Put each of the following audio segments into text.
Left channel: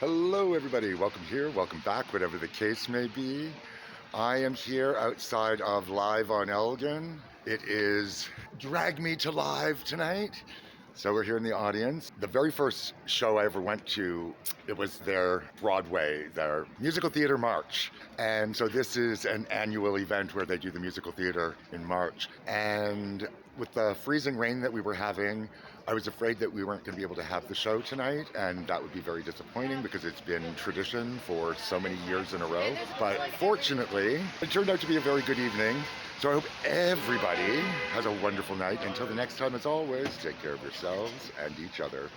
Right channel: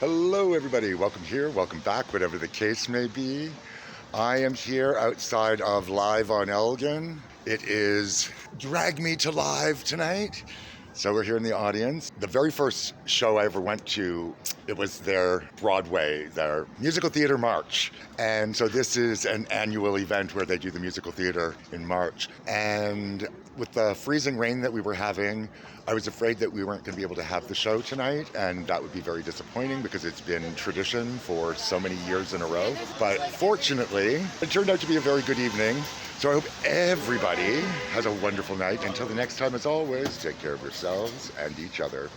Hello, everybody. Welcome here, welcome back, whatever the case may be. I am here outside of Live on Elgin. It is Drag Me to Live tonight. So we're here in the audience. The very first show I ever went to, it was their Broadway, their musical theater March. And so this is an annual event where they do the musical theater in March. And with the freezing rain that we were having, I was afraid that we weren't going to be able to have the show tonight, and that would be very disappointing because it's been tradition for so many years in a row. But fortunately, it turned out to be a very good evening. So I hope everybody has a wonderful night. Until the next time, as always, take care of yourselves and each other.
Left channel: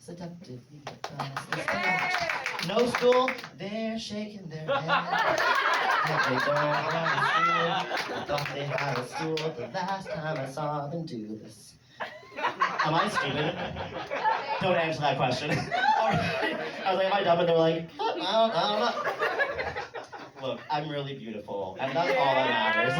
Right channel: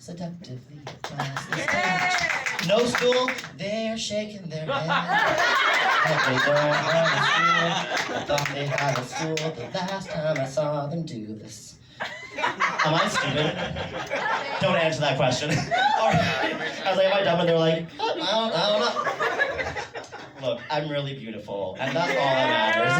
Seductively across the stage. No stool, they're shaking their head. But they don't have a stool. I thought they had a stool the last time I saw them do this. Am I stupid? Don't answer that question. I was like, am I dumb? And they were like, I don't know. Look, I'm really beautiful, and that's all that matters.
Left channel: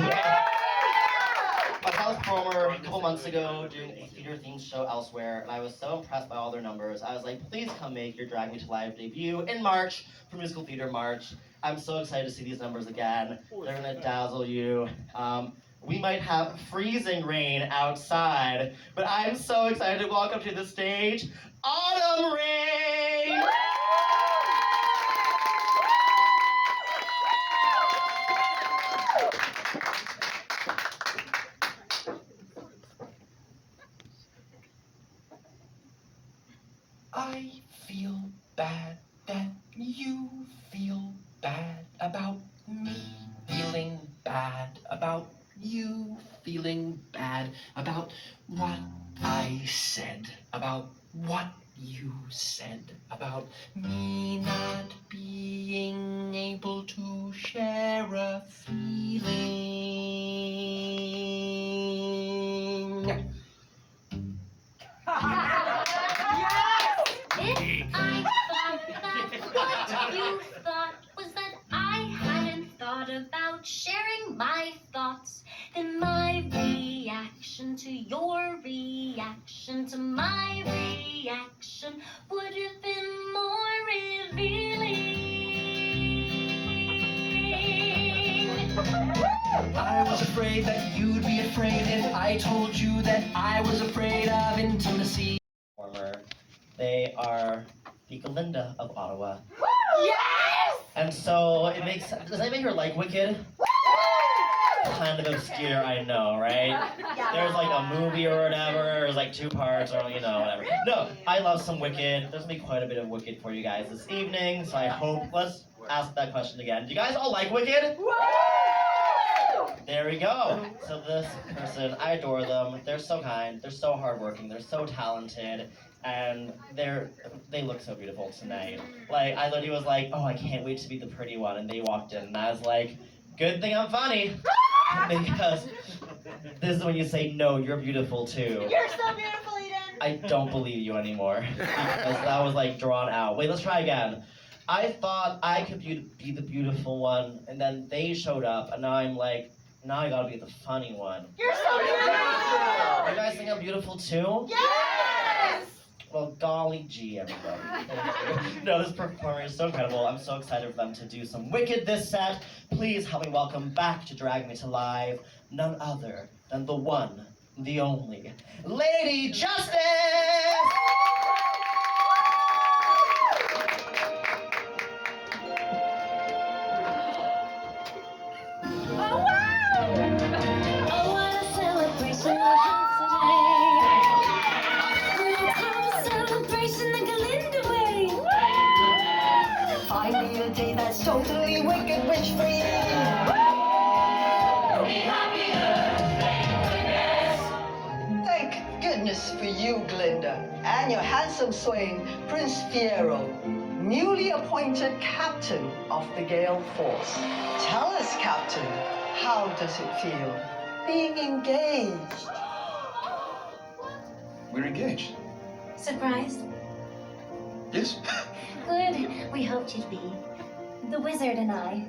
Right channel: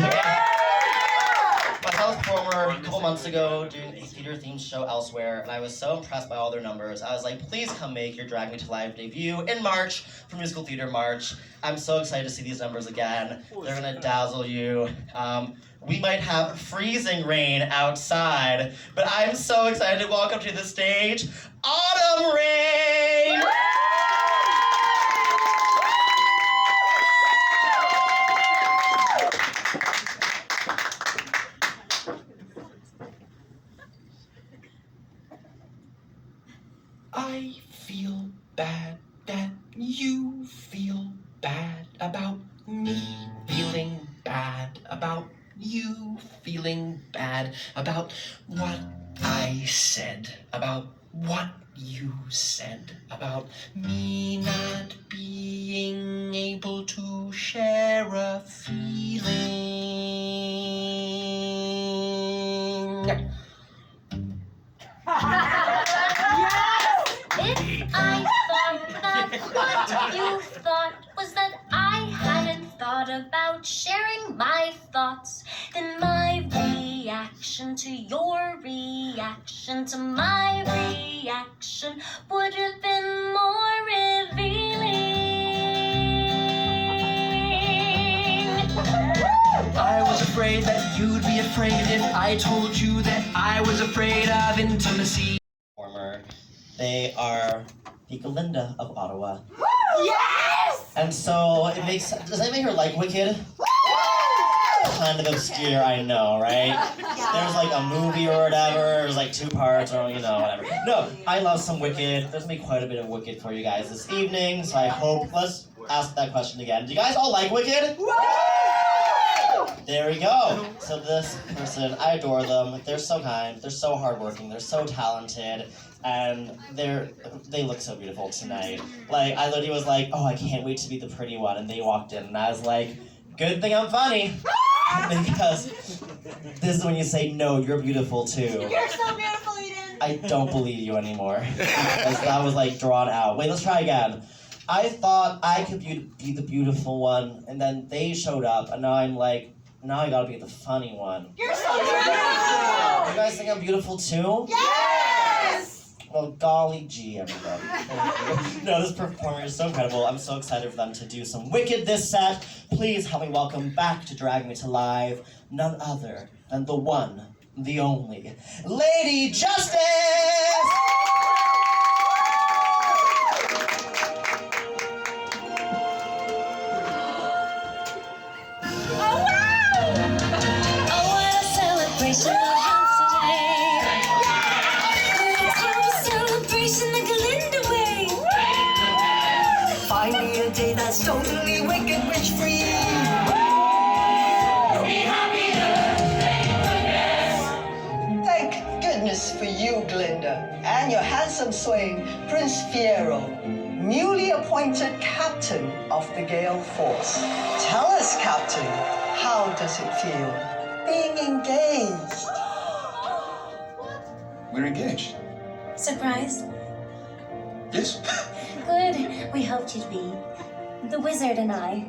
I was a performer a couple months ago doing a theater-themed show elsewhere, and I was so impressed by all their numbers. I was like, please come make your Drag Me to Live debut in March for Musical Theater March. I'm so excited to see these numbers again. They're gonna dazzle you. We might have freezing rain outside, but I'm so excited to welcome to the stage, Autumn Rain! I feel bad that you feel bad about me feeling bad about you feeling bad about what I said, about what you said, about me not being able to share a feeling. If I thought that what you thought was that I hadn't thought about sharing my thoughts, then my reaction to your reaction to my reaction would have been more revealing. I was afraid that you'd be afraid if I told you that I was afraid of intimacy. They are the Galinda of Ottawa. Yes! And so it makes, does that make her like Wicked? Kind of obscure, I know, right? There's like a movie or whatever, there's like 2 parts or whatever. No, I love some Wicked. There's gonna be quite a bit of Wicked for you guys this evening, so I hope, let's ask that question again. Do you guys all like Wicked? There we go. So this person, I adore them. They're so kind, they're so hardworking, they're so talented, and they look so beautiful tonight. Like, I literally was like, oh, I can't wait to be the pretty one, and they walked in, and I was like, good thing I'm funny, because this is when you say, no, you're beautiful too. You're so beautiful, Eden. I don't believe you anymore, because that was like drawn out. Wait, let's try again. I thought I could be the beautiful one, and then they showed up, and now I'm like, now I gotta be the funny one. You're so beautiful. You guys think I'm beautiful too? Yes! Well, golly gee, everybody. No, this performer is so incredible. I'm so excited for them to do some Wicked this set. Please help me welcome back to Drag Me to Live none other than the one, the only Lady Justice! Oh, what a celebration we'll have today. We'll have a celebration the Glinda way. Find me a day that's totally wicked witch free. Thank goodness for you, Glinda, and your handsome swain, Prince Fiero, newly appointed captain of the Gale Force. Tell us, Captain, how does it feel being engaged? We're engaged. Surprised? Yes. Good. We hoped you'd be. The wizard and I.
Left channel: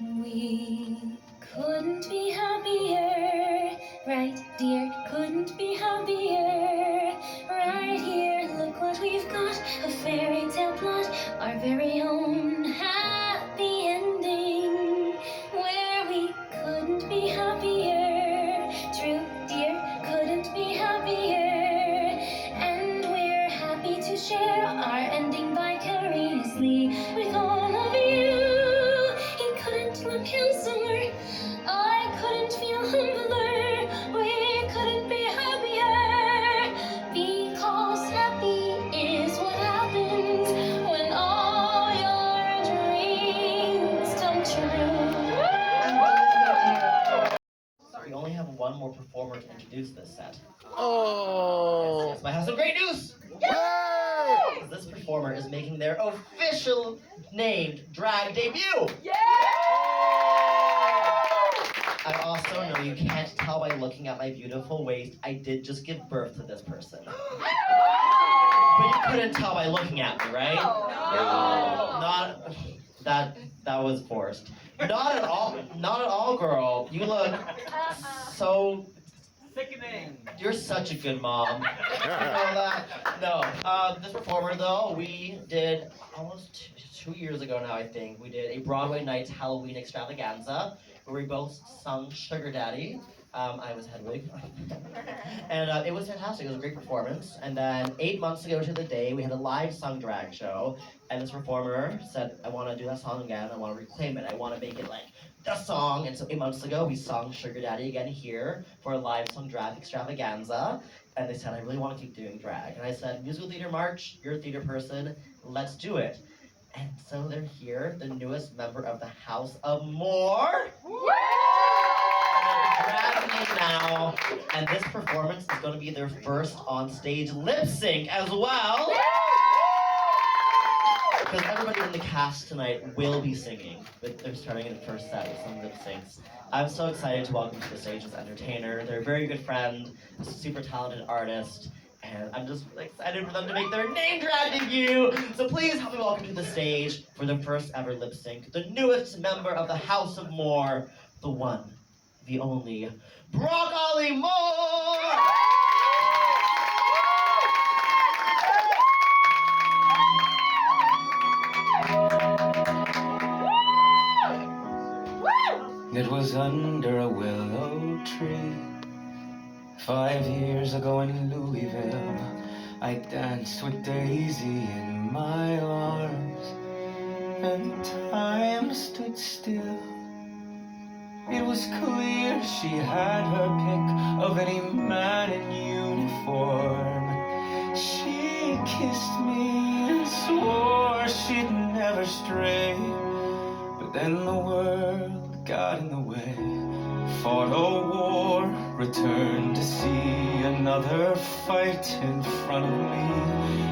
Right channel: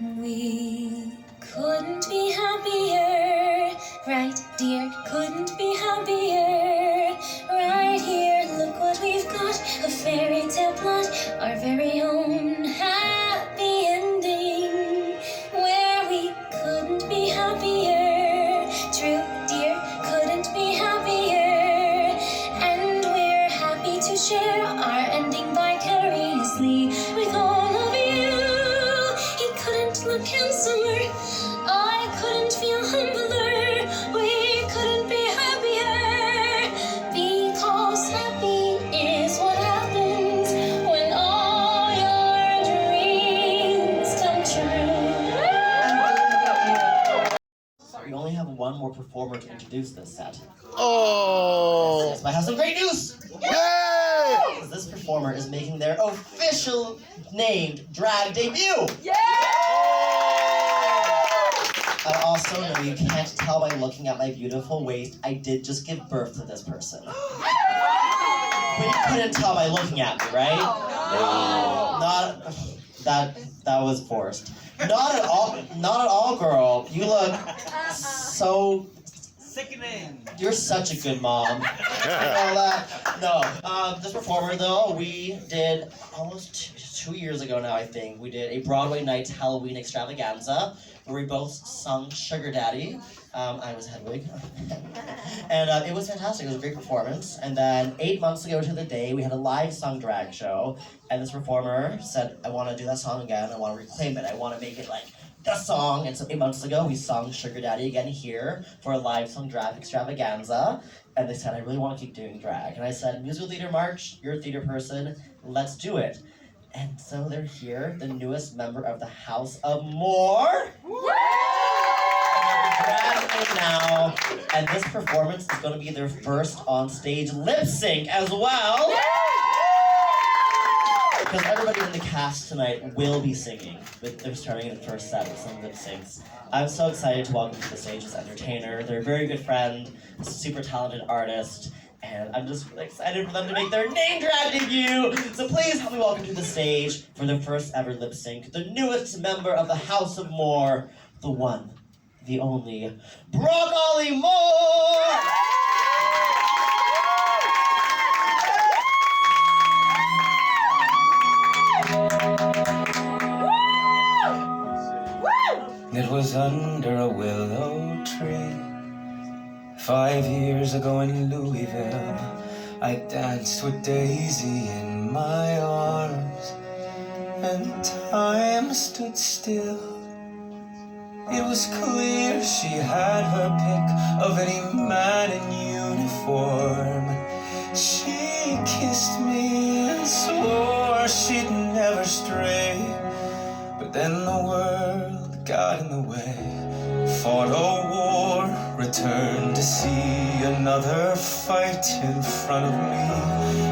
We couldn't be happier. Right, dear, couldn't be happier. Right here, look what we've got. A fairy tale plot. Our very own happy ending. Where we couldn't be happier. True, dear, couldn't be happier. And we're happy to share our ending vicariously with all of you. He couldn't look handsomer. I couldn't feel humbler. We couldn't be happier. Because happy is what happens when all your dreams come true. We only have one more performer to introduce this set. Oh! Yes, but I have some great news! Yay! This performer is making their official named drag debut! I also know you can't tell by looking at my beautiful waist, I did just give birth to this person. But you couldn't tell by looking at me, right? No. Not that was forced. Not at all, girl. You look so Sickening. You're such a good mom. All that. No, this performer though, we did almost 2 years ago now, I think. We did a Broadway night Halloween extravaganza where we both sung Sugar Daddy. I was Hedwig. And it was fantastic. It was a great performance. And then 8 months ago to the day, we had a live sung drag show. And this performer said, I want to do that song again. I want to reclaim it. I want to make it like the song. And so 8 months ago, we sung Sugar Daddy again here for a live sung drag extravaganza. And they said, I really want to keep doing drag. And I said, musical theater march, you're a theater person, let's do it. And so they're here, the newest member of the House of More. Drag me now. And this performance is going to be their first on-stage lip sync as well. Because everybody in the cast tonight will be singing, but they're starting in the first set with some lip syncs. I'm so excited to welcome to the stage this entertainer. They're a very good friend, a super talented artist, and I'm just really excited for them to make their name drag debut. So please help me welcome to the stage for the first ever lip sync, the newest member of the House of More, the one, the only, Broccoli Moore! It was under a willow tree 5 years ago in Louisville. I danced with Daisy in my arms, and time stood still. It was clear she had her pick of any man in uniform. She kissed me and swore she'd never stray, but then the world got in the way. Fought a war, returned to see another fight in front of me.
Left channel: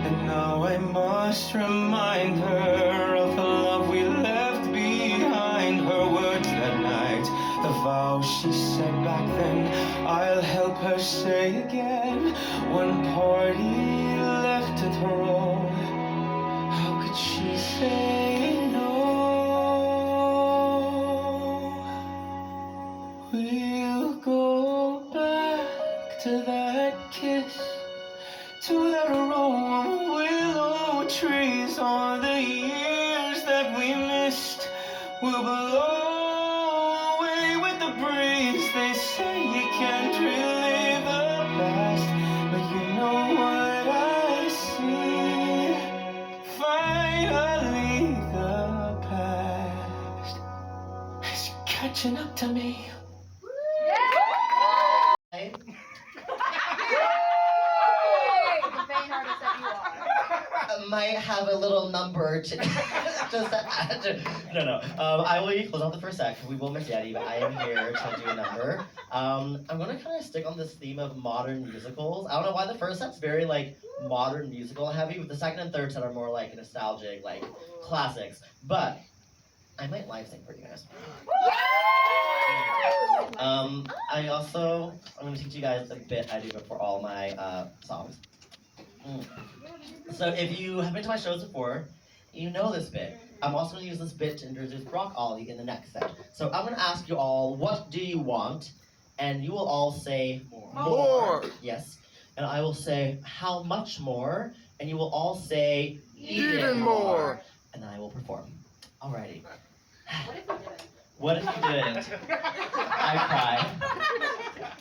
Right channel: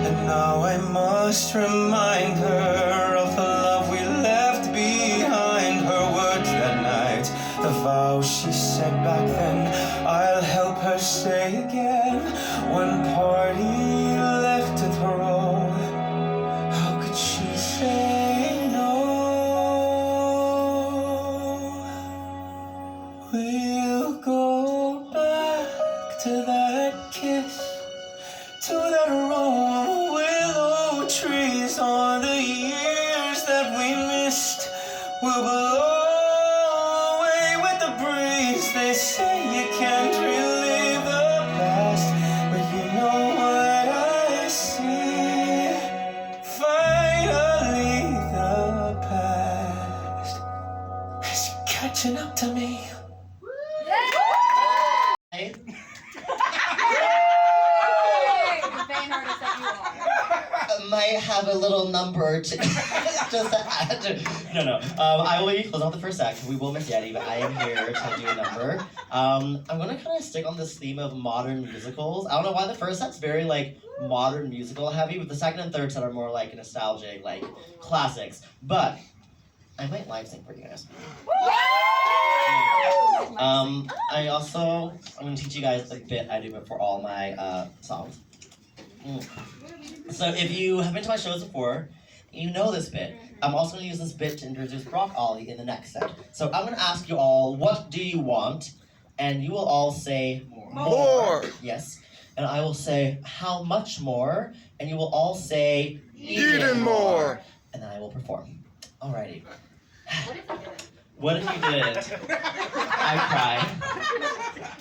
And now I must remind her of the love we left behind. Her words that night, the vow she said back then, I'll help her say again. One party left to throw, how could she say no? We'll go back to that kiss, to that row of willow trees. All the years that we missed will blow away with the breeze. They say you can't really catching up to me. I might have a little number to just to add to. No. I will close off the first act. We will miss Yeti, but I am here to do a number. I'm gonna kind of stick on this theme of modern musicals. I don't know why the first set's very like modern musical heavy, but the second and third set are more like nostalgic, like classics. But I might live sing for you guys. I'm gonna teach you guys the bit I do before all my songs. So if you have been to my shows before, you know this bit. I'm also gonna use this bit to introduce Brock Ollie in the next set. So I'm gonna ask you all, what do you want? And you will all say more. Yes. And I will say, how much more? And you will all say Even more. And then I will perform. Alrighty. What if you didn't?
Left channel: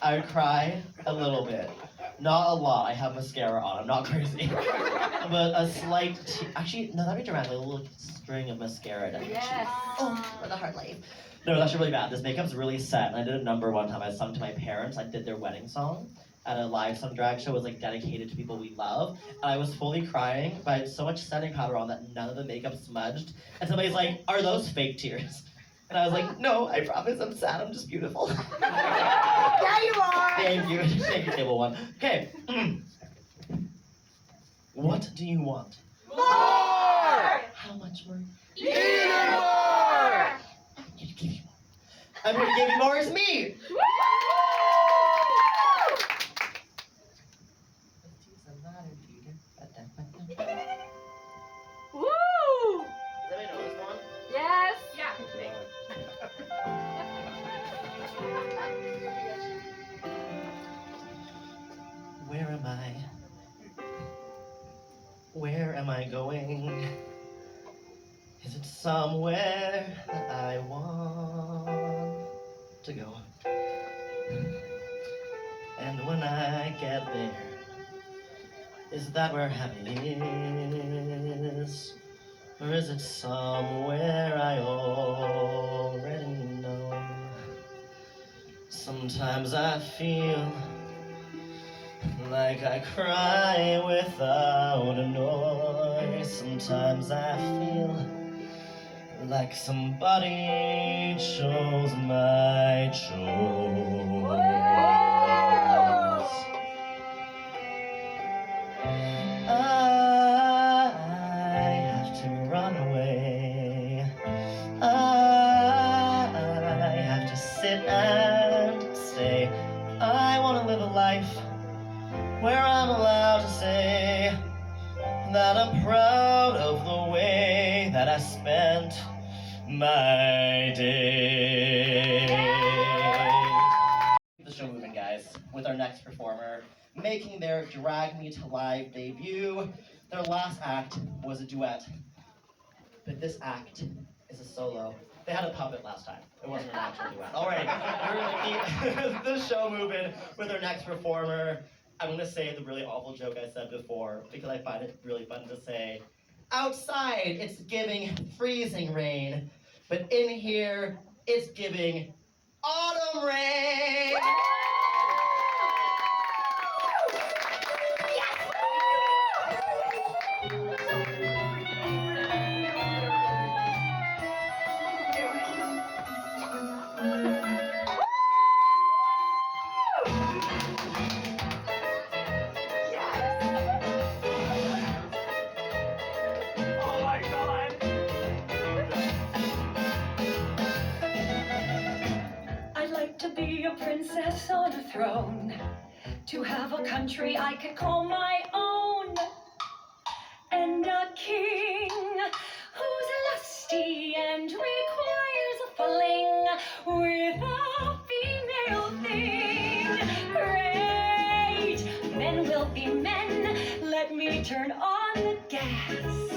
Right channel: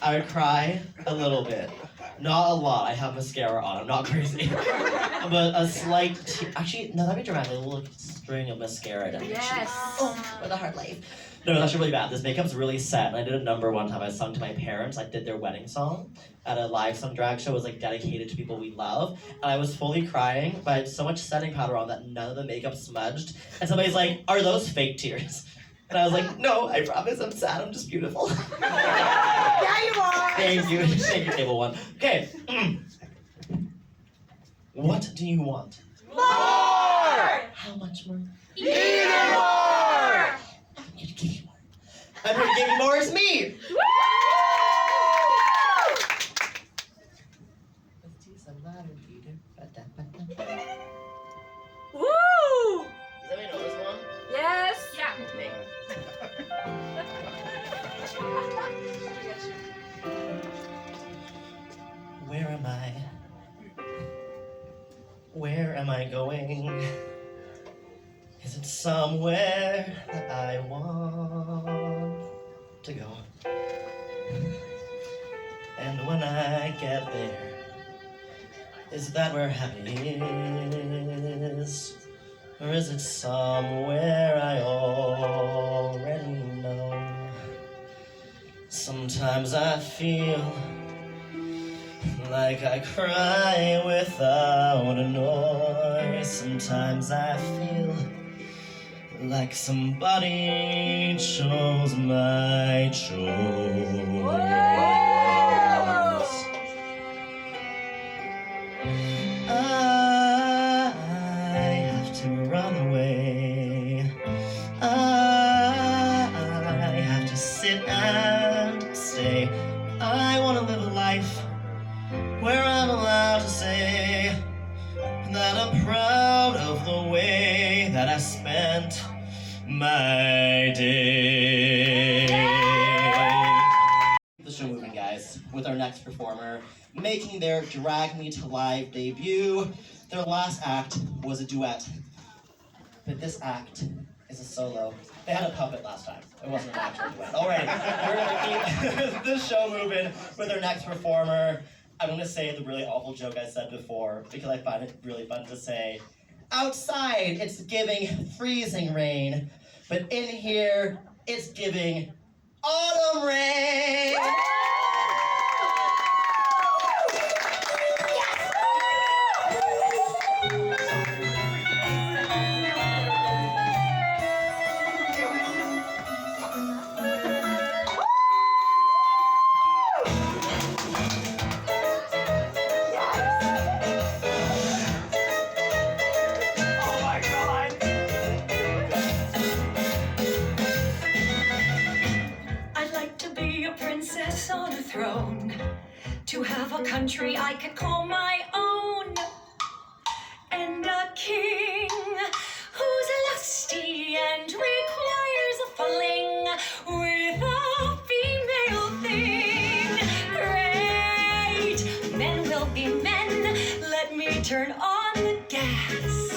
I would cry a little bit. Not a lot. I have mascara on. I'm not crazy. But a slight actually, no, that'd be dramatic. A little string of mascara down. Yes. Oh, what a hard life. No, it's actually really bad. This makeup's really set. And I did a number one time. I sung to my parents. I did their wedding song at a live sung drag show. It was like dedicated to people we love. And I was fully crying, but I had so much setting powder on that none of the makeup smudged. And somebody's like, "Are those fake tears?" And I was like, "No, I promise I'm sad. I'm just beautiful." Yeah, you are. Thank you. Thank you, table one. Okay. What do you want? More. How much more? Even more. I'm here to give you more. I'm here to give you more. It's me. Woo! Let's do some modern theater. Woo! Does anybody know this one? Yes. Yeah. Where am I? Where am I going? Is it somewhere that I want to go? And when I get there, is that where happy is? Or is it somewhere I already know? Sometimes I feel like I cry without a noise. Sometimes I feel like somebody chose my choice. I have to run away. I have to sit and stay. I want to live a life where I'm allowed to say that I'm proud of the way that I spent my day. The show moving, guys, with our next performer making their Drag Me to Live debut. Their last act was a duet, but this act is a solo. They had a puppet last time. It wasn't an actual duet. All right, we're gonna keep this show moving with our next performer. I'm gonna say the really awful joke I said before because I find it really fun to say. Outside, it's giving freezing rain, but in here, it's giving autumn rain. On a throne, to have a country I could call my own, and a king who's lusty and requires a fling with a female thing. Great, men will be men. Let me turn on the gas.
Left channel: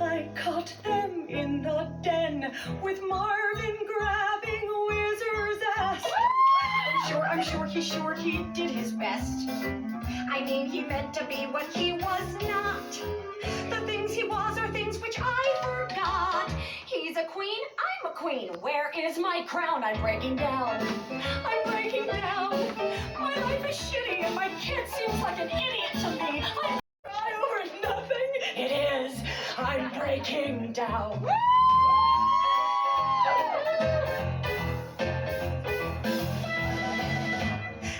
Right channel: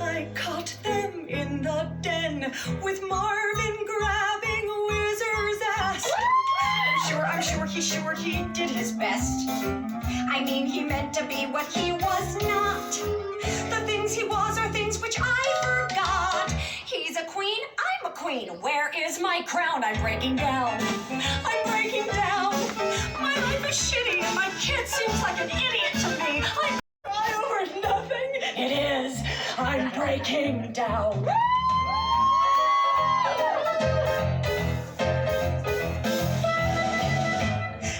I caught them in the den with Marvin grabbing Whizzer's ass. I'm sure he did his best. I mean, he meant to be what he was not. The things he was are things which I forgot. He's a queen, I'm I'm a queen. Where is my crown? I'm breaking down. I'm breaking down. My life is shitty and my kid seems like an idiot to me. I cry over nothing. It is. I'm breaking down.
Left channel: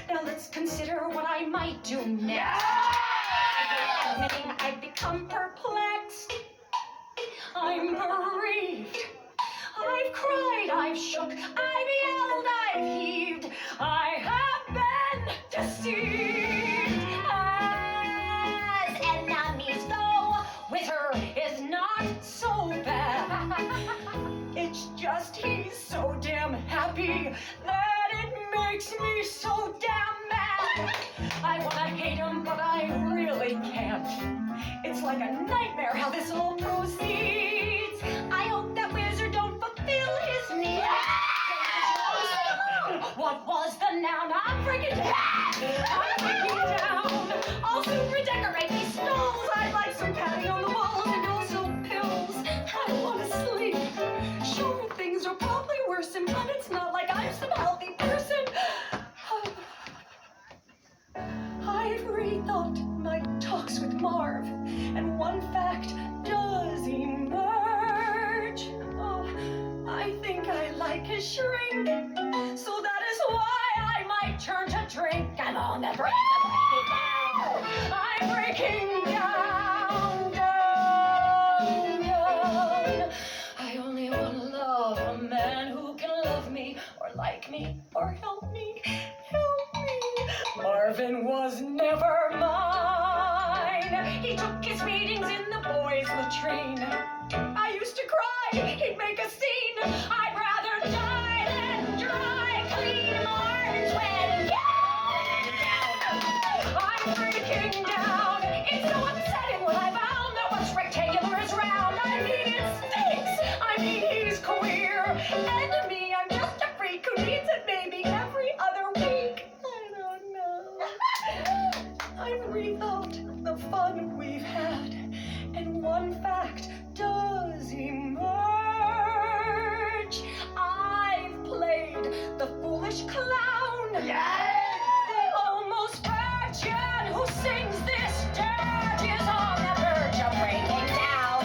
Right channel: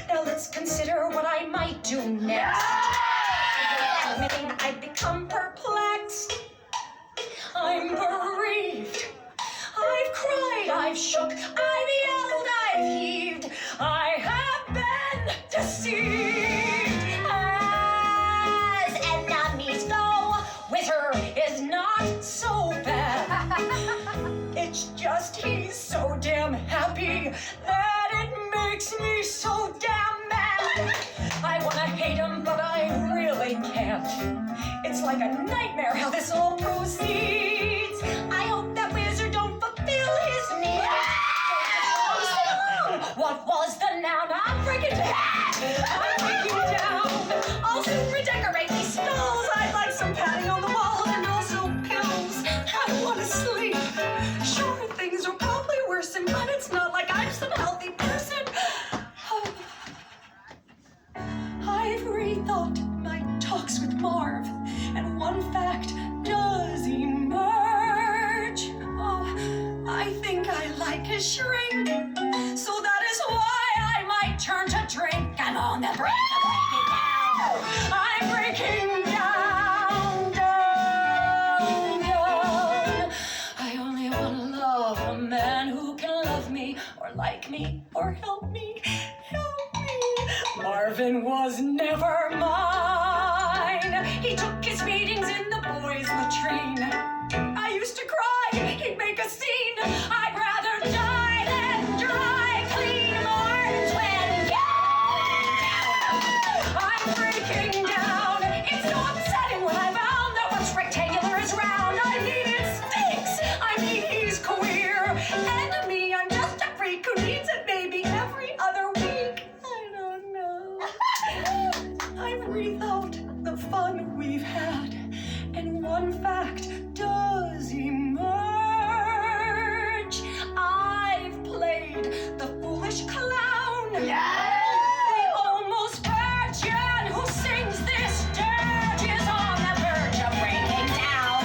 Now let's consider what I might do next. I've become perplexed. I'm bereaved. I've cried, I've shook, I've yelled, I've heaved. I have been deceived. As enemies go, Wizard is not so bad. It's just he's so damn happy that it makes me so damn mad. I wanna hate him, but I really can't. It's like a nightmare how this all proceeds. I hope that Wizard don't fulfill his need. What was the noun? I'm freaking down. I'm freaking down. I'll soon redecorate these skulls. I'd like some padding on the walls and also pills. I want to sleep. Sure, things are probably worsen, but it's not like I'm some healthy person. I've rethought my talks with Marv, and one fact does emerge. Oh, I think I like his shrink, so that is why I might turn to drink. I'm on the brink of breaking down. I'm breaking down, down. I only want to love a man who can love me, or like me, or help me, help me. Marvin was never mine. He took his meetings in the boys' latrine. I used to cry, he'd make a scene. I'd rather die than dry clean. Marvin's when I'm breaking down. It's so upsetting when I found that what's rectangular is round. I needed stakes. I mean, he's queer. And me, I'm just a freak who needs it maybe every other week. I don't know. I've rethought the fun we've had, and one fact does emerge. I've played the foolish clown. Yes! The almost virgin who sings this dirge is on the verge of breaking down.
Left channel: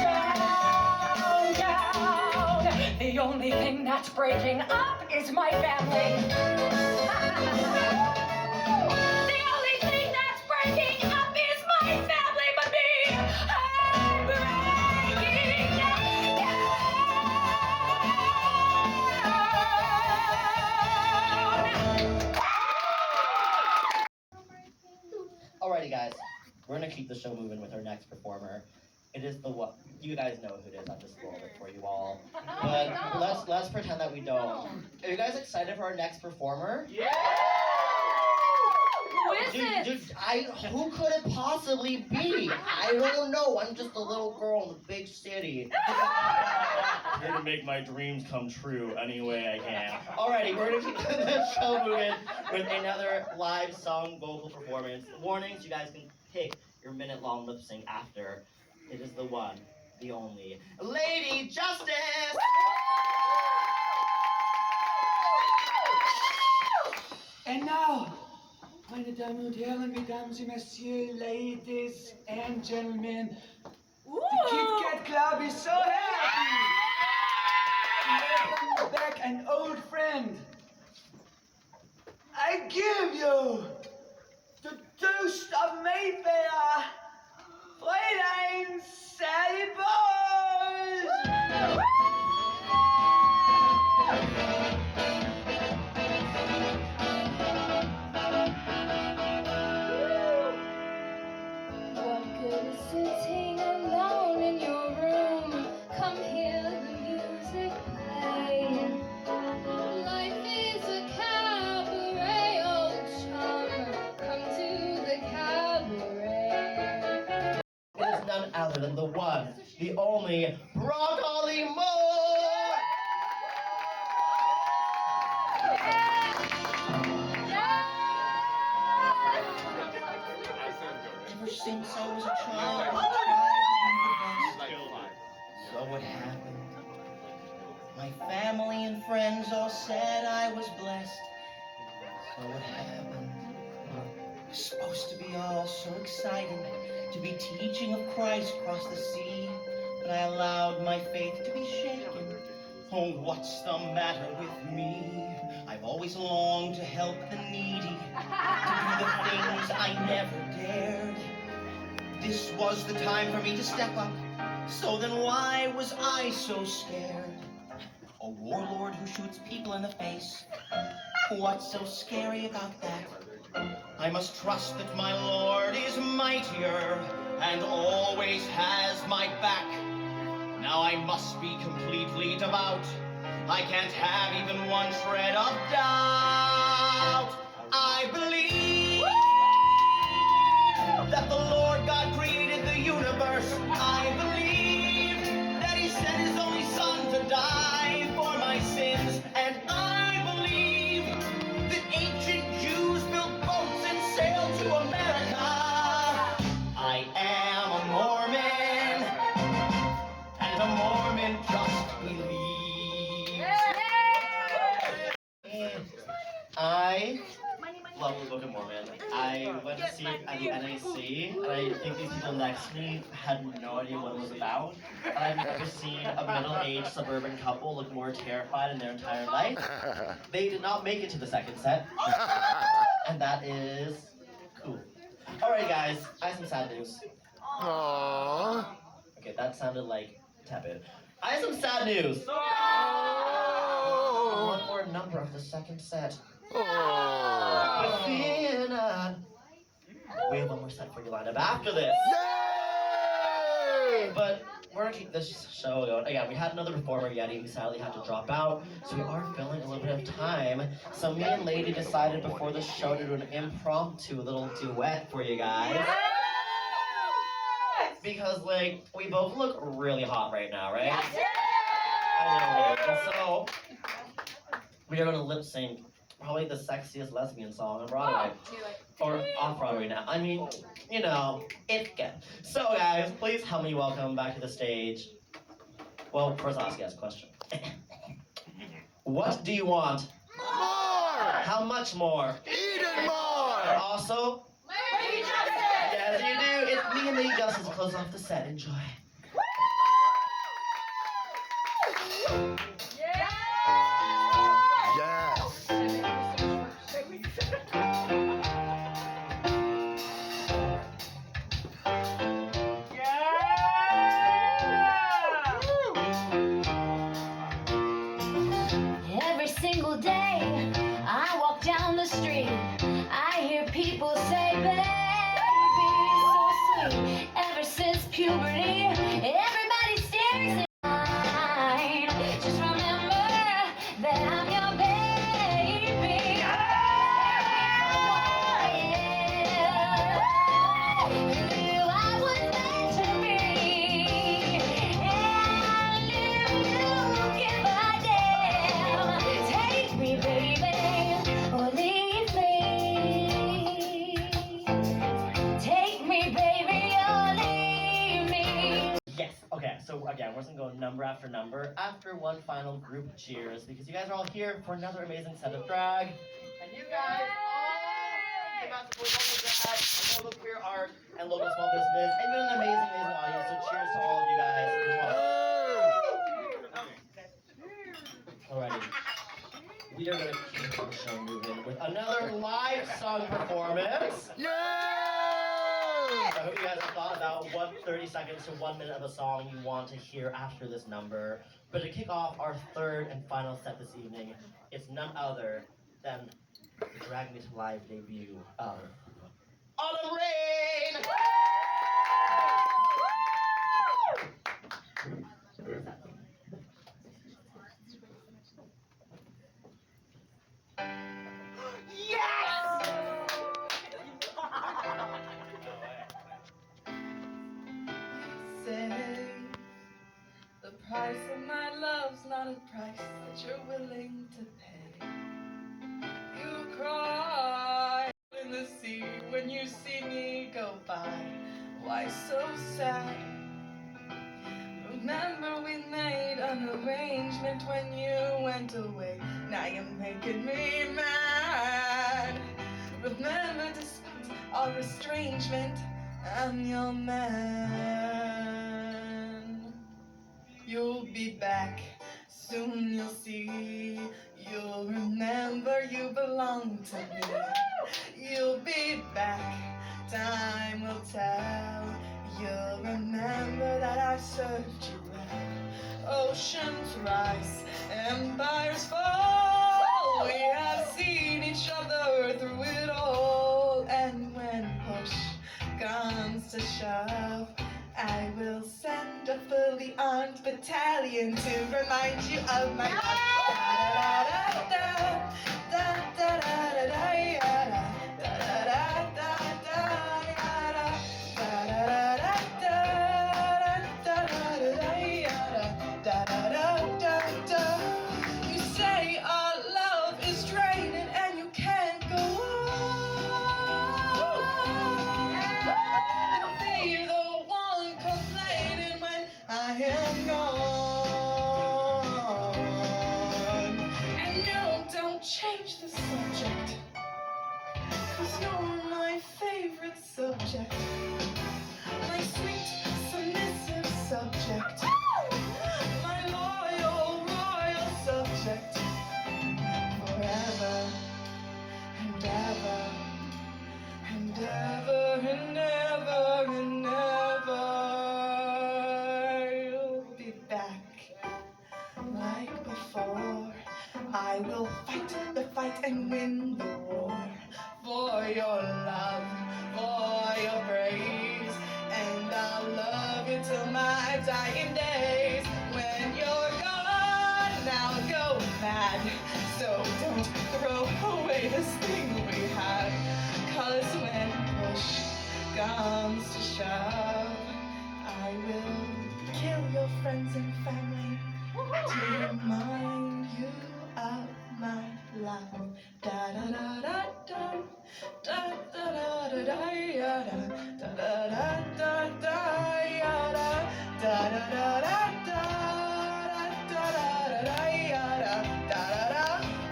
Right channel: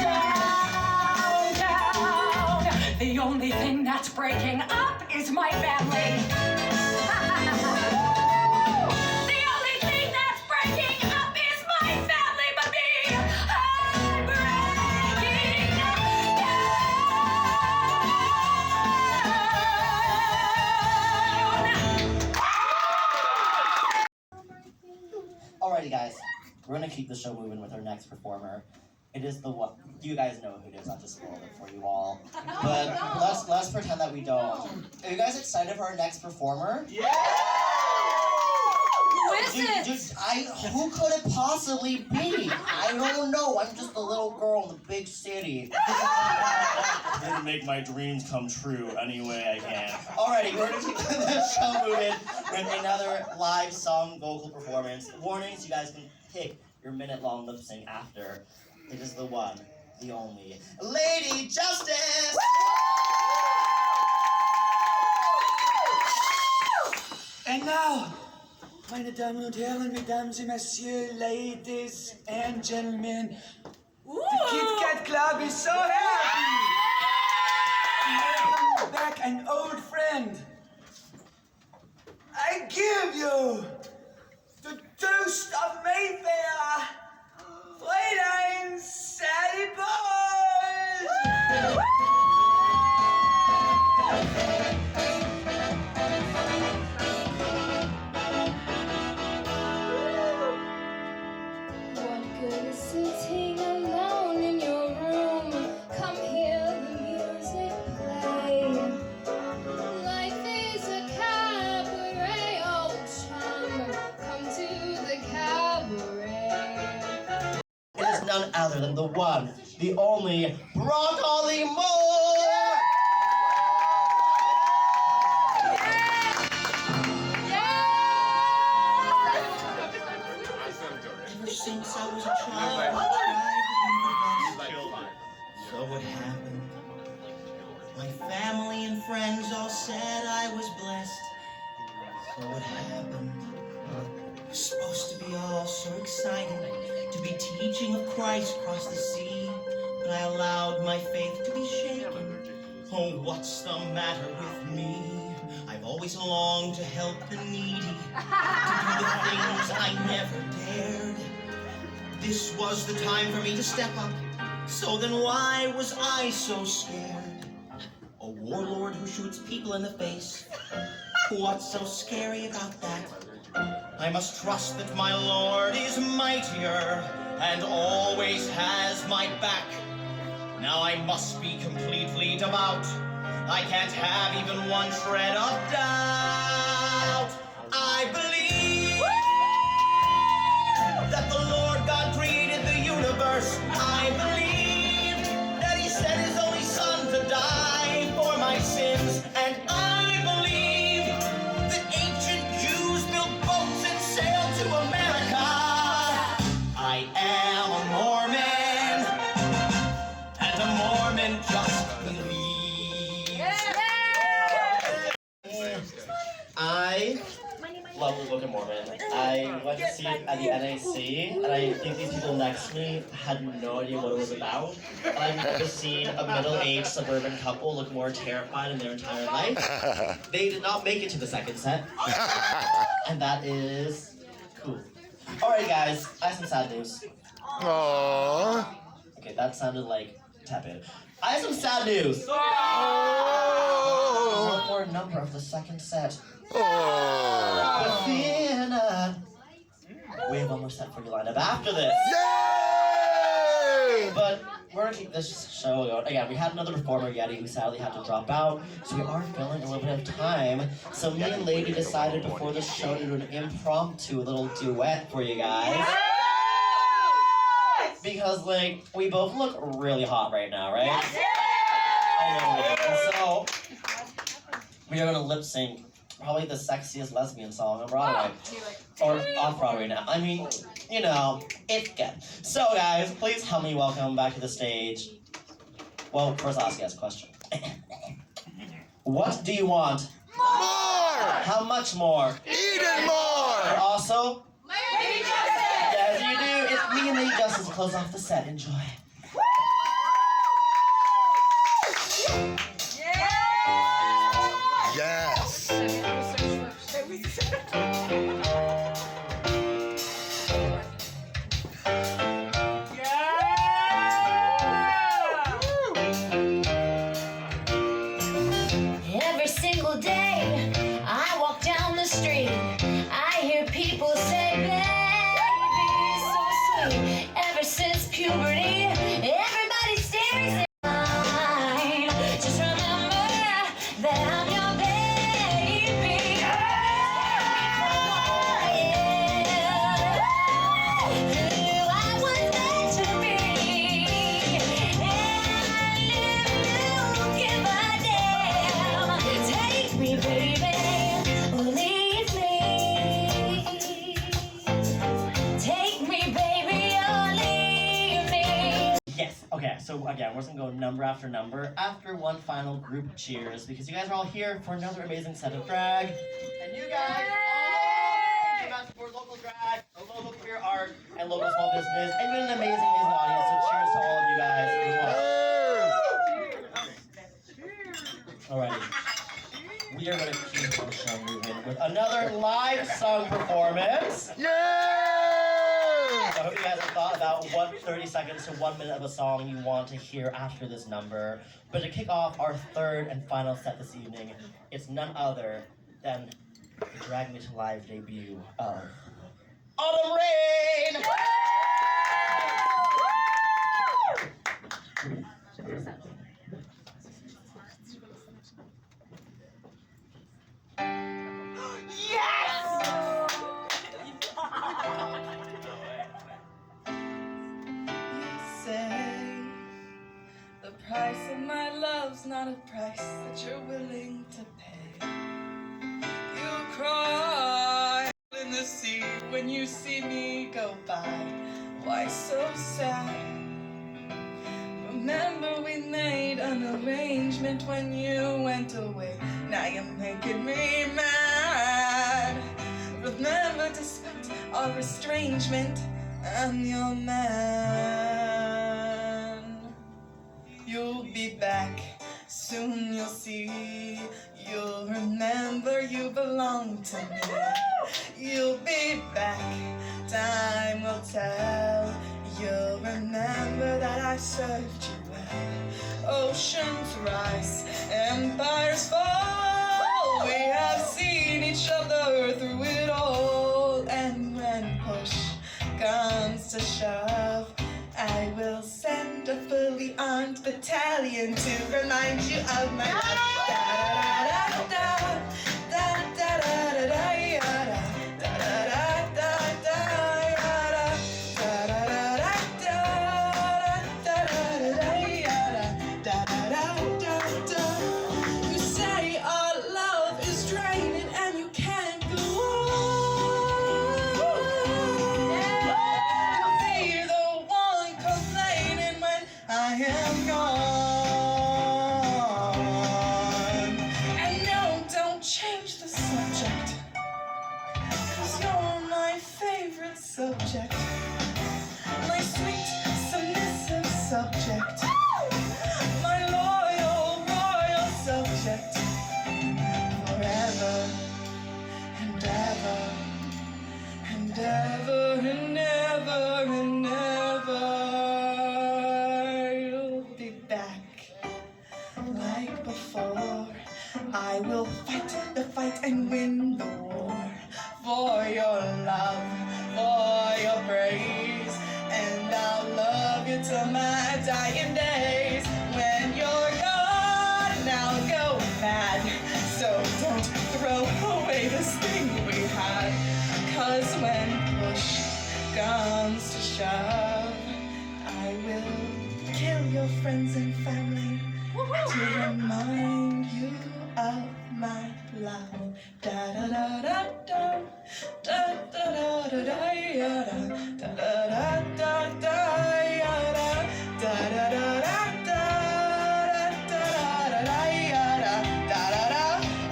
Down, down. The only thing that's breaking up is my family. The only thing that's breaking up is my family, but me, I'm breaking down. Alrighty, guys, we're gonna keep the show moving with our next performer. It is the one. You guys know who it is. I just spoiled it for you all. But let's pretend that we don't. Are you guys excited for our next performer? Yeah! Who is it? Who could it possibly be? I don't know. I'm just a little girl in the big city. I'm here to make my dreams come true any way I can. Alrighty, we're gonna keep the show moving with another live song vocal performance. Warnings: you guys can pick your minute-long lip sync after. It is the one, the only, Lady Justice! And now, meine Damen und Herren, Mesdames et Messieurs, ladies and gentlemen, the Kit Kat Club is so happy to welcome back an old friend. I give you the toast of Mayfair, Fräulein Sally Bowles! What good is sitting alone in your room? Come hear the music play. Life is a cabaret, old chum. Come to the cabaret. It is none other than the one, the only, Broccoli Moore! Ever since I was a child, I tried to be the best. family and friends all said I was blessed. So what happened? It was supposed to be all so exciting, to be teaching of Christ across the sea, but I allowed my faith to be shaken. Oh, what's the matter with me? I've always longed to help the needy, to do the things I never dared. This was the time for me to step up, so then why was I so scared? A warlord who shoots people in the face. What's so scary about that? I must trust that my Lord is mightier and always has my back. Now I must be completely devout. I can't have even one shred of doubt. I believe that the Lord God created the universe. I believe that He sent His only Son to die for my sins. And I believe that ancient Jews built boats and sailed to America. I am a Mormon, and a Mormon just believes. I love the Book of Mormon. I went to see it at the NAC, and I think these people next to me had no idea what it was about. I've never seen a middle-aged suburban couple look more terrified in their entire life. They did not make it to the second set, and that is cool. Alright guys, I have some sad news. Aww. Okay, that sounded like tepid. I have some sad news. Oh. One more number of the second set. Oh. But fear not. We have one more set for you lined up after this. Yay! But we're gonna keep this show going. Again, we had another performer, Yeti, who sadly had to drop out, so we are filling a little bit of time. So me and Lady decided before the show to do an impromptu little duet for you guys. Because, like, we both look really hot right now, right? I know. So, we are gonna lip sync probably the sexiest lesbian song on Broadway. Or off Broadway now. I mean, you know, it's good. So, guys, please help me welcome back to the stage. Well, first I'll ask you guys a question. What do you want? More! How much more? Even And more! also, Lady Justice! yes, you do. It's me and Lady Justice to close off the set. Enjoy. Yes! Every single day I walk down the street, I hear people say, baby, so sweet. Ever since puberty, everybody stares at mine. Just remember that I'm your baby. Who I was meant to be. And if you give a damn, take me, baby, or leave me. Take me, baby, or leave me. Yes. Okay, so again, we're just gonna go number after number after one final group cheers because you guys are all here for another amazing set of drag. And you guys all came out to support local drag, and local queer art, and local small business, and you're an amazing, amazing audience. So cheers to all of you guys. Alrighty. We are gonna keep the show moving with another live song performance. Yay! I hope you guys have thought about what 30 seconds to 1 minute of a song you want to hear after this number. But to kick off our third and final set this evening, it's none other than the Drag Me to Live debut of Autumn Rain! Say the price of my love's not a price that you're willing to pay. You cry in the sea when you see me go by. Why so sad? Remember we made an arrangement when you went away. Now you're making me mad. Remember, despite our estrangement, I'm your man. You'll be back, soon you'll see. You'll remember you belong to me. You'll be back, time will tell. You'll remember that I served you well. Oceans rise, empires fall. We have seen each other through it all. And when push comes to shove, I will send a fully armed battalion to remind you of my love. You say our love is draining and you can't go on. You'll be the one complaining when I am gone. And no, don't change the subject, 'cause you're my favorite subject. My sweet, submissive subject. My loyal, royal subject. Forever and ever and ever and ever and ever. You'll be back like before. I will fight the fight and win the war. For your love, for your praise. And I'll love you till my dying days. When you're gone, I'll go mad. So don't throw away this thing we had. 'Cause when push comes to shove, I will kill your friends and family to remind you of my love. Da da da da da da da da da da da da da da da da da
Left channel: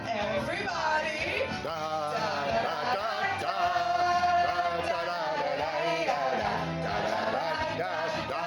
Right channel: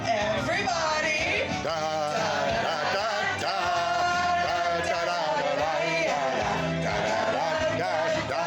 everybody. Da, da, da, da, da, da, da, da, da, da, da, da, da, da, da,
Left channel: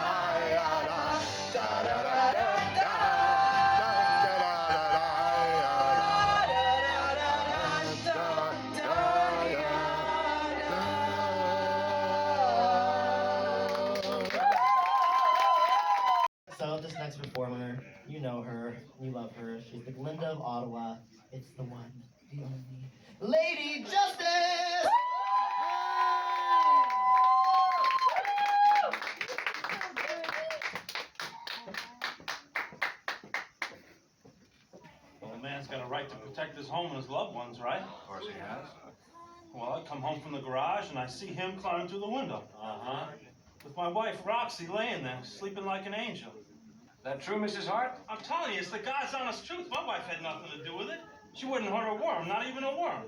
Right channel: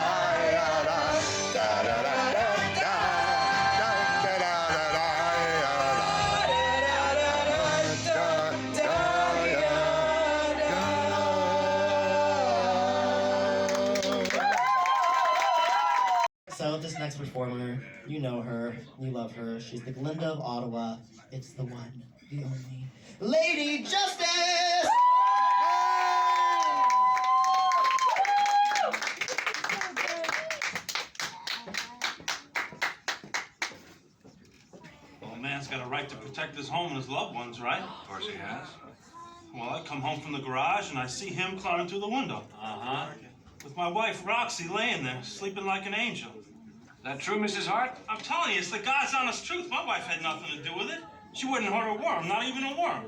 So this next performer, you know her, you love her. She's the Glinda of Ottawa. It's the one, the only Lady Justice! Well, a man's got a right to protect his home and his loved ones, right? Of course he has. Well, I come home from the garage and I see him climbing through the window. Uh-huh. With my wife, Roxy, laying there, sleeping like an angel. Is that true, Mrs. Hart? I'm telling you, it's the God's honest truth. My wife had nothing to do with it. She wouldn't hurt a worm, not even a worm.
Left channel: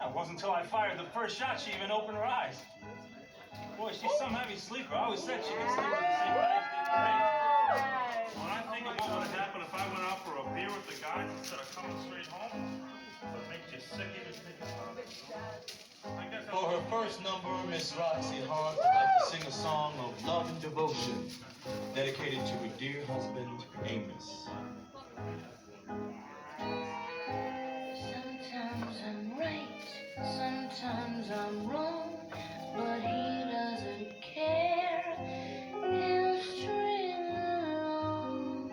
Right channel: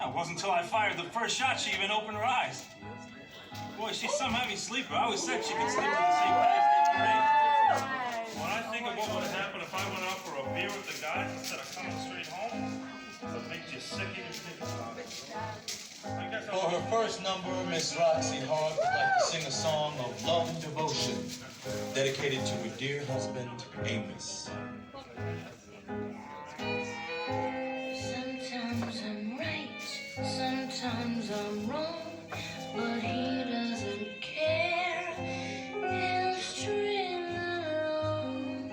It wasn't until I fired the first shot she even opened her eyes. Boy, she's some heavy sleeper. I always said she could sleep in the same bed as me. When I think of what would happen if I went out for a beer with the guys instead of coming straight home, it makes you sick even thinking about it. For her first number, Miss Roxy Hart would like to sing a song of love and devotion dedicated to her dear husband, Amos. Sometimes I'm right, sometimes I'm wrong, but he doesn't care. He'll string along.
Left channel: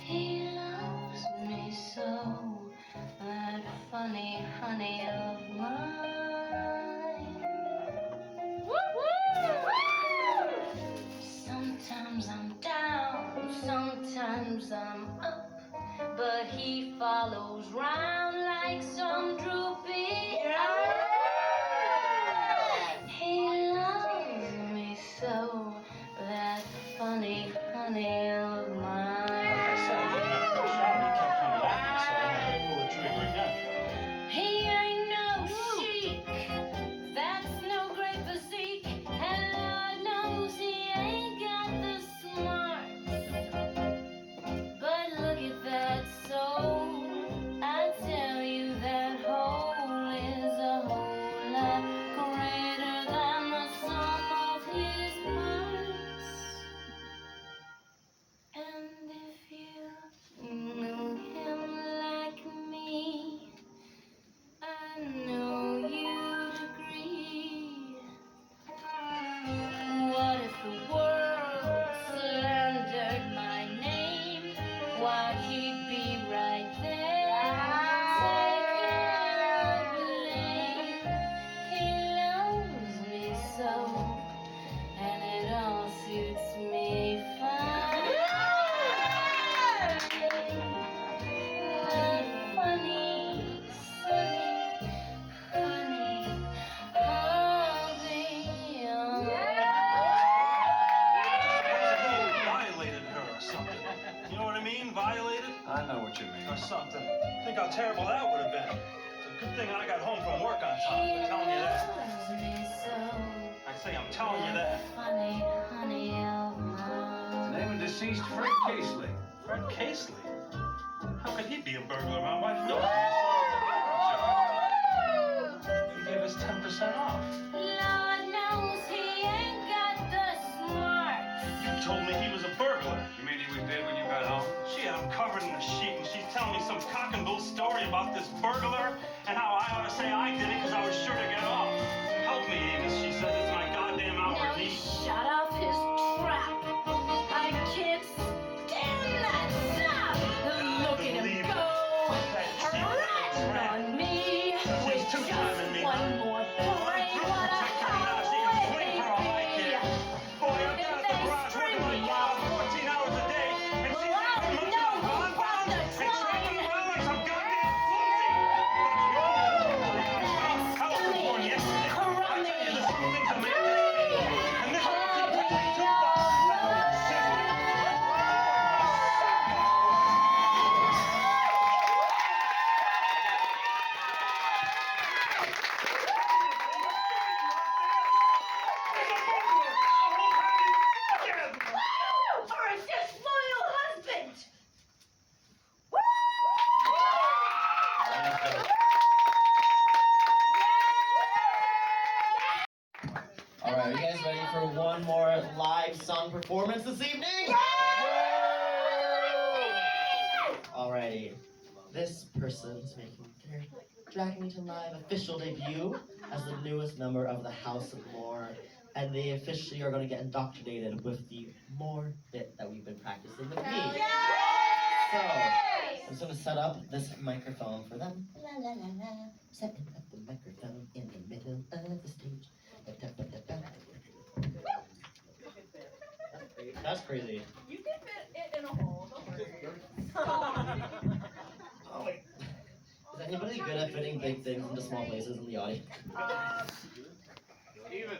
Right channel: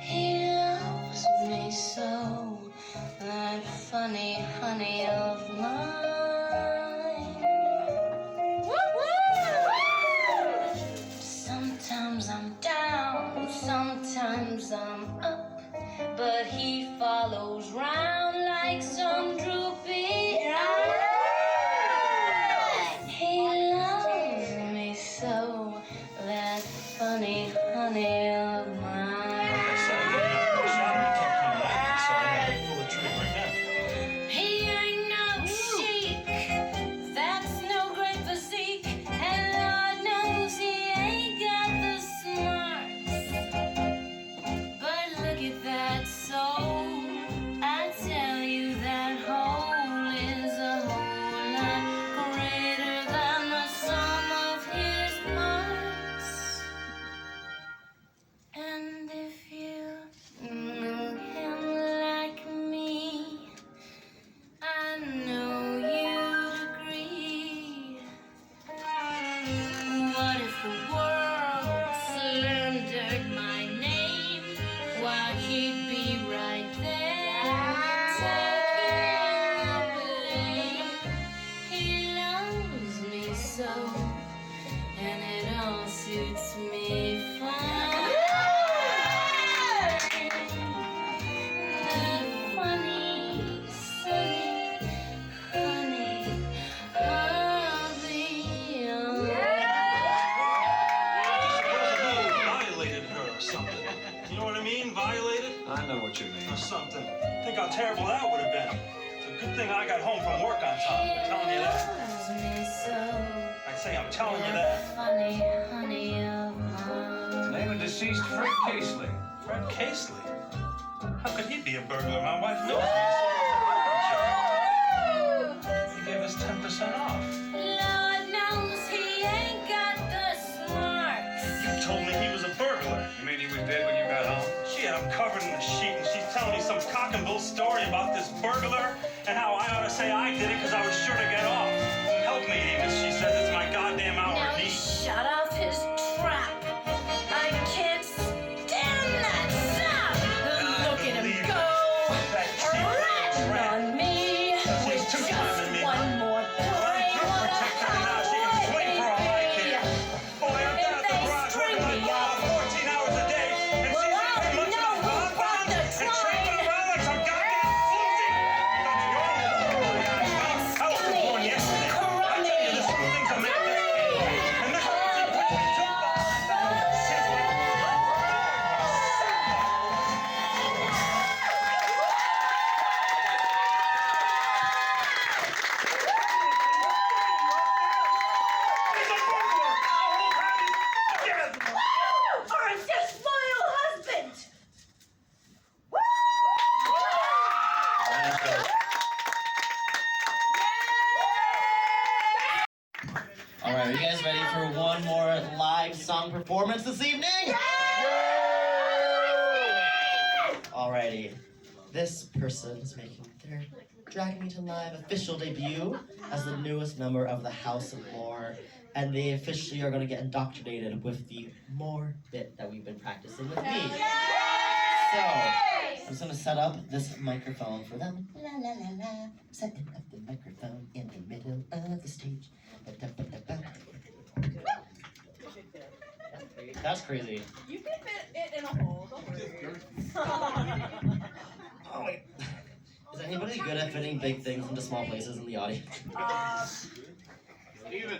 He loves me so, that funny honey of mine. Sometimes I'm down, sometimes I'm up, but he follows round like some droopy eye. He loves me so, that funny honey of mine. He ain't no chic, that's no great physique, and Lord knows he ain't got the smarts. But something. Think how terrible that would have been. It's a good thing I got home from work on time. I'm telling you that. I say I'm telling you that. Name of deceased Fred Casely. Fred Casely? How could he be a burglar? My wife knows he gave us 10% off. Lord knows he ain't got the smarts. You told me he was a burglar. You mean he was dead when you got home? Shit, I'm covered in the sheet and she's telling me some cock and bull story about this burglar and how I ought to say I did it because I was sure to get off. Help me, Amos. She says it's my goddamn hour Now D. shut off his trap. I can't stand that sap. Look at him go. Rat on me. With just one more point. What a highway. Boy, I'm down at the garage working like 14 hours a day, and she's not much of a bonbon and tramping around like some goddamn floozy. I was born yesterday. I tell you, this whole thing's a mess. And this whole thing $2 I'm just loyal husband. All right, are you guys ready for one more live song performance this evening? Alrighty, this person is making their Dragging Me to Live official debut as the newest member of the House of More, and they officially are going to get indoctrinated with the More bit that we've been practicing with me. So, I'm just going to set up this microphone for them. La la la la, setting up the microphone in the middle of the stage. That's crazy. You can fit it in a hole, don't worry. Oh wait. Is anybody good at fitting big things into small places in the audience? Steven,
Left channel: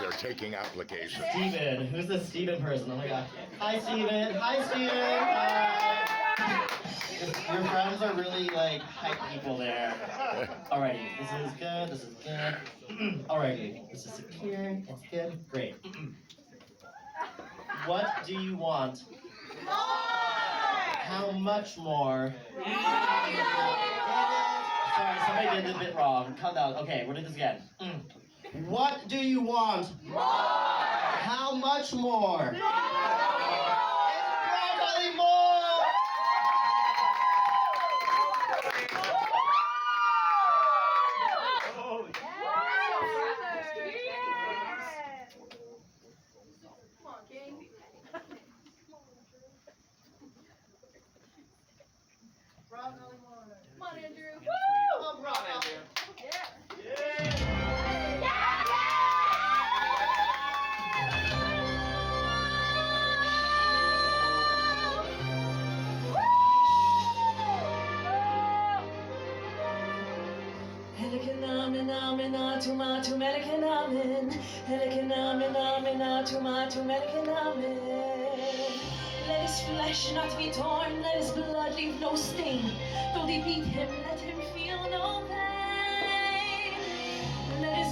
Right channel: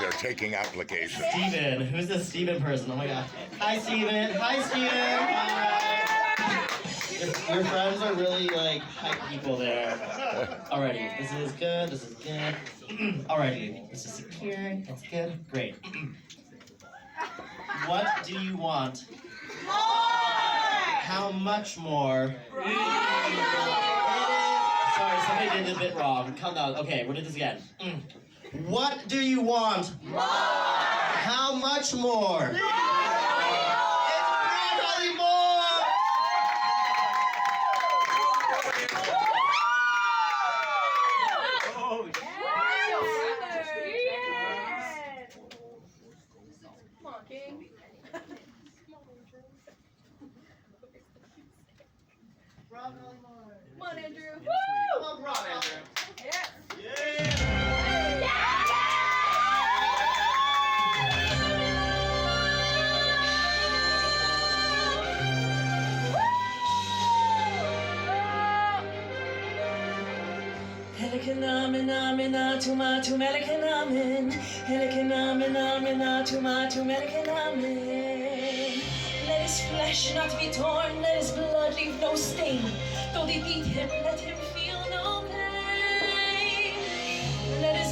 They're taking applications. Steven, who's this Steven person? Oh my god. Hi Steven. Hi Steven. Your friends are really like hype people there. Alrighty, this is good, this is good. Alrighty, this is secure, it's good, great. What do you want? More! How much more? Sorry, somebody did this bit wrong. Calm down. Okay, we'll do this again. What do you want? More! How much more? More! It's broccoli more! Come on, King. Come on, Andrew. Woo! Come on, Andrew. Yeah. Helikanaminamina tumatu melikanamin. Helikanaminamina tumatu melikanamin. Let his flesh not be torn, let his blood leave no stain. Though they beat him, let him feel no pain. Let his